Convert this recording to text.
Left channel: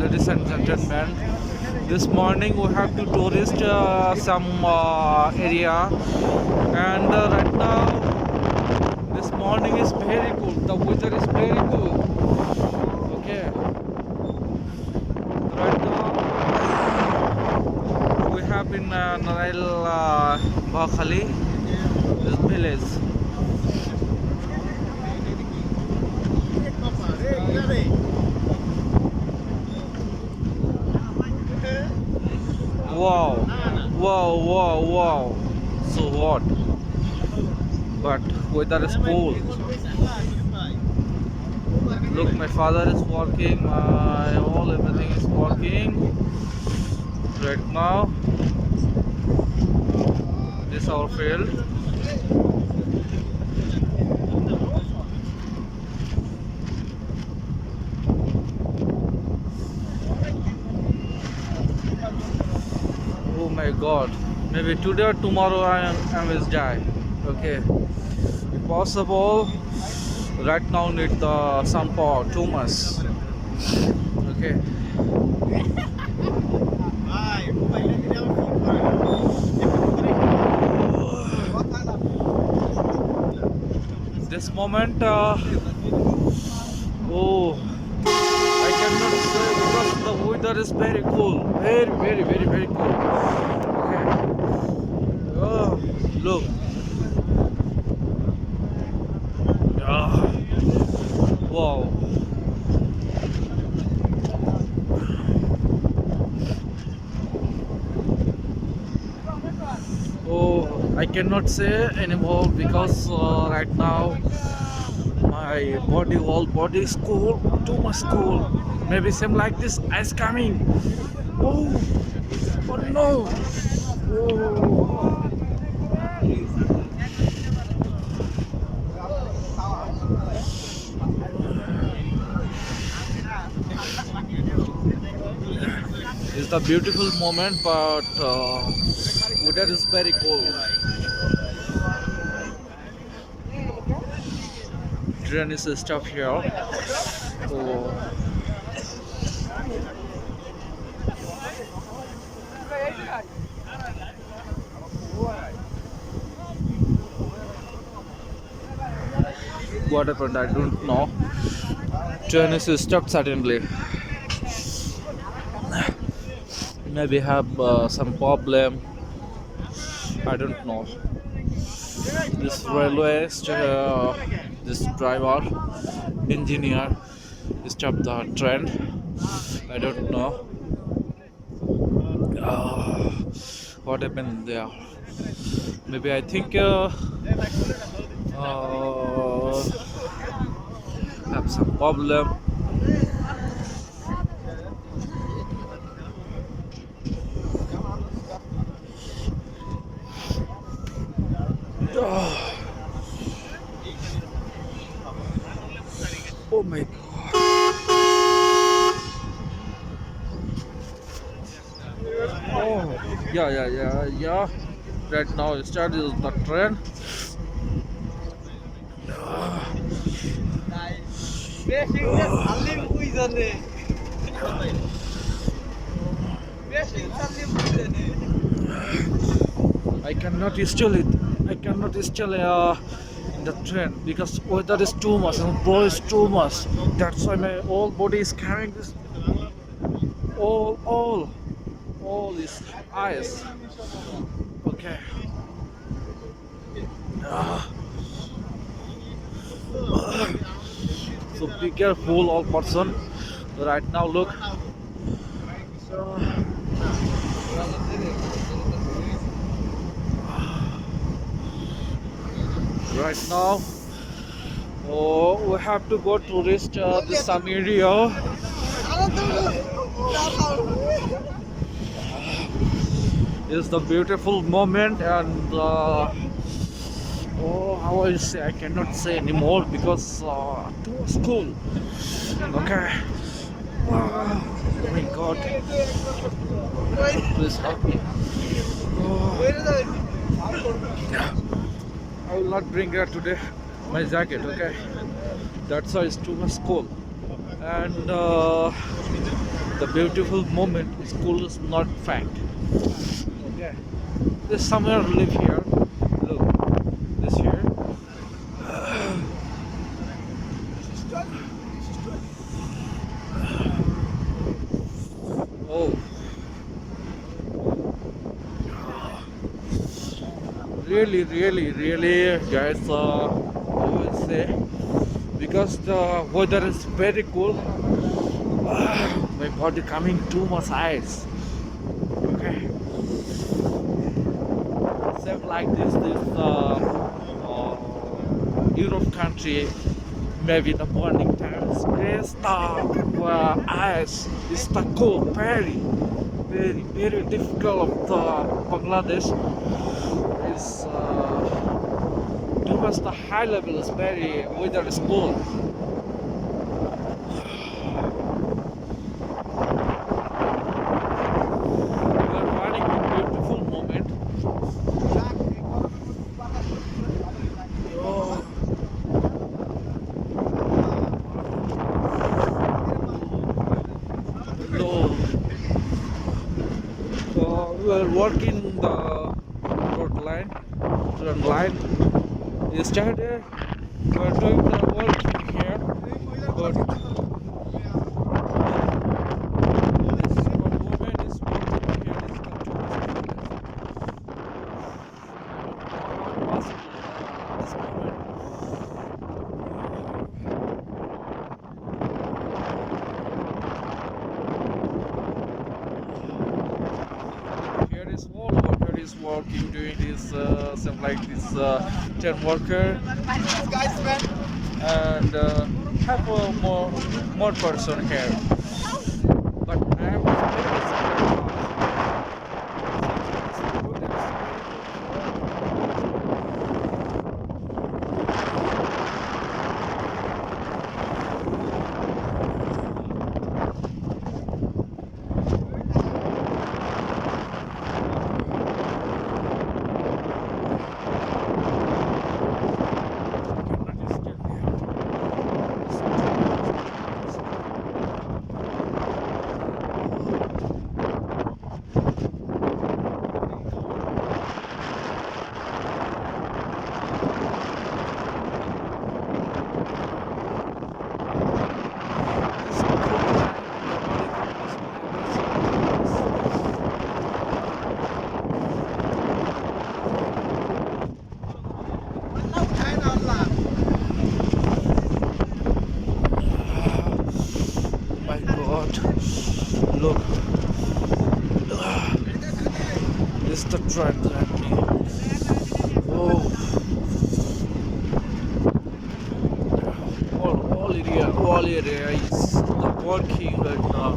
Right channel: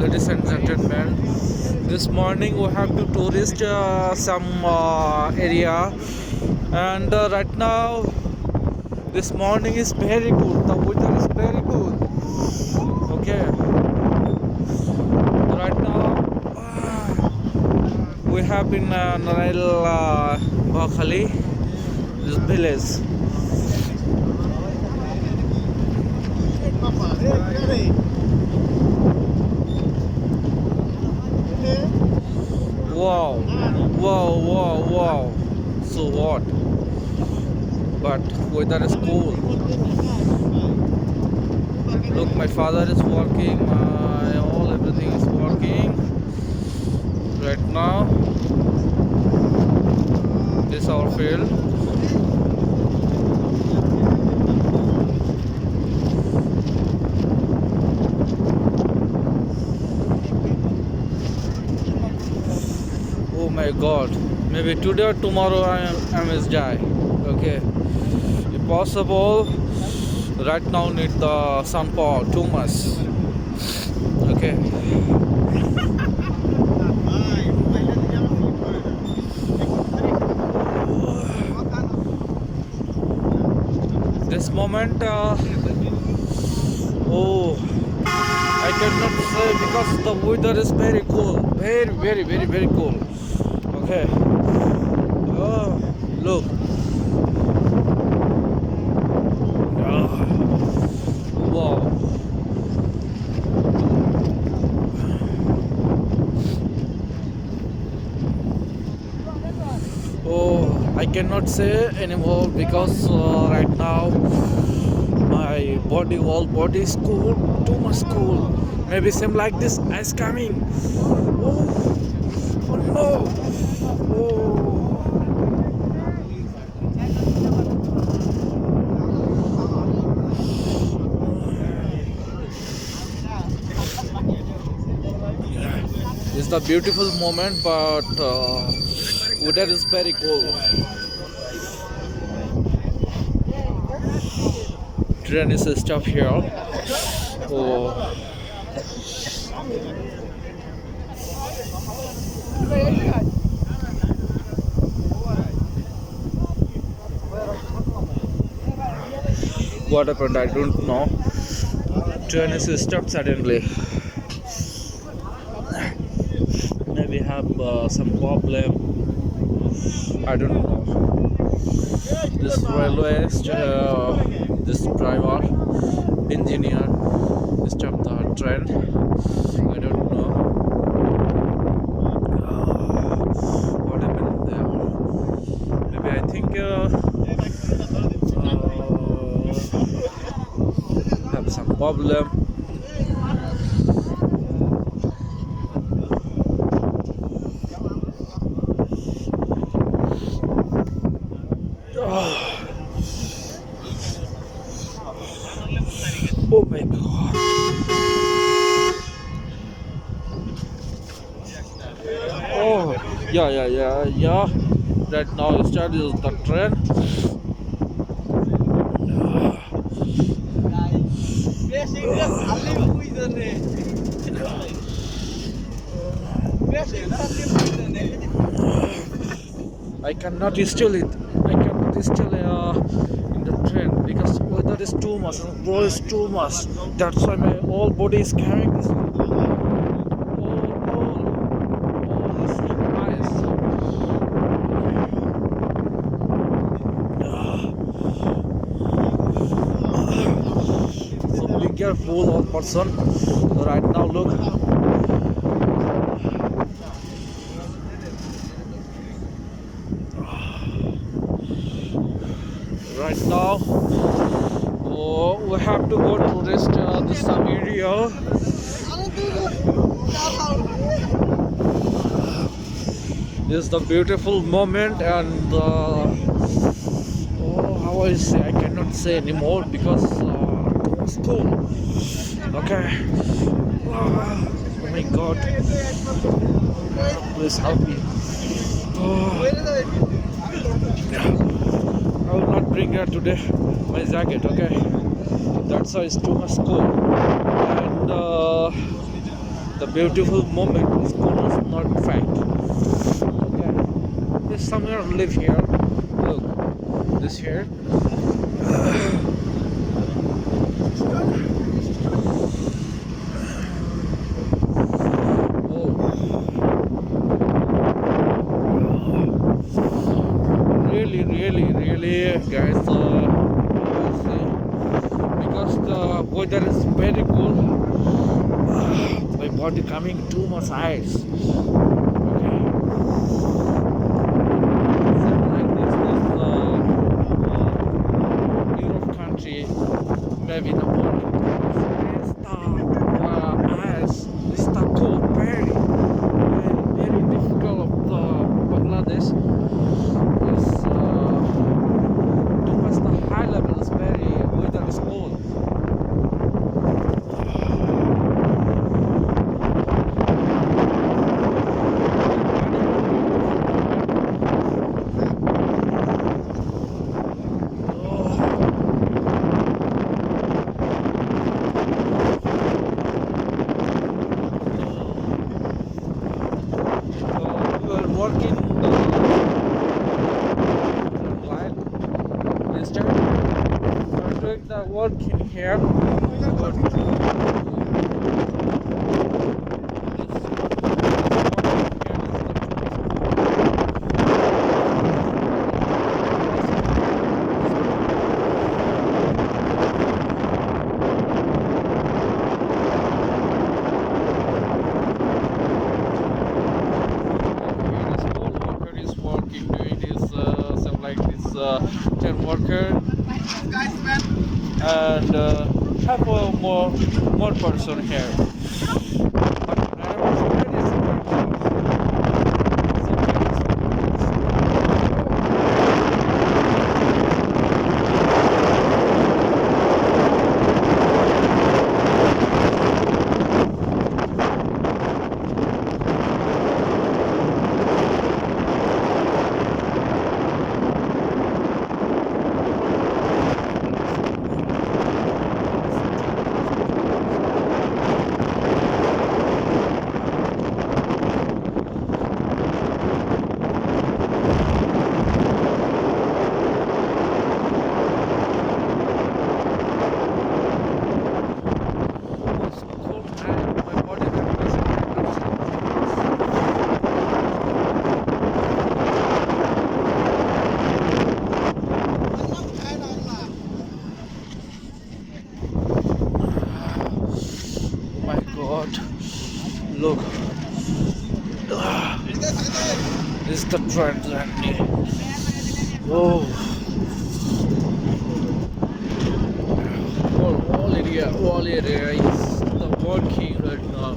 ladies and gentlemen. This morning we have to tourist some area, and right now this morning is very cool. The weather is very cool. Okay, right now we have in Narail Bakhali, this village. Wow, wow, wow, wow. So hot, but weather is cool. Look, my father is working. My all everything is working right now. This our field. Oh my God! Maybe today or tomorrow I must die. Okay, if possible, right now need the sun power too much. Okay. This moment, oh, I cannot say because the weather is very cool, very, very, very, very cool. Okay. Oh, look. Ah, wow. Oh, I cannot say anymore because right now my body, whole body is cool, too much cool. Maybe same like this ice coming. Oh, oh no. Oh. It's the beautiful moment, but weather is very cold. Train is stop here. Oh. What happened? I don't know. Train is stopped suddenly. Maybe have some problem. I don't know. This railway, this driver, engineer, stopped the train. I don't know. What happened there? Maybe I think have some problem. Oh my God. Oh, yeah. Right now, start is the train. I cannot install it. I cannot install in the train because weather is too much and blow is too much. That's why my whole body is carrying this. All this ice. Okay. So be careful, all person. Right now, look. Right now, we have to go tourist this some area. This is the beautiful moment, and how I say, I cannot say anymore because too much cool. Okay. Oh my God. Please help me. I will not bring her today my jacket, okay? That's why it's too much cold. And the beautiful moment. School is not fact. Okay, there's somewhere live here. Look, this here. Oh, really, guys. I will say because the weather is very cool. My body coming too much ice. Okay, same like this Europe country. Maybe in the morning time, it's the ice. It's the cold, very difficult of the Bangladesh. Is too much the high level is very weather is cold. Running a beautiful moment. Oh, no. We are working the line. This time we are doing the working here. Small worker is working doing this stuff like this 10 worker and have a more person here. But I was very my God, look. This is the train journey. Oh, all area is the working right now.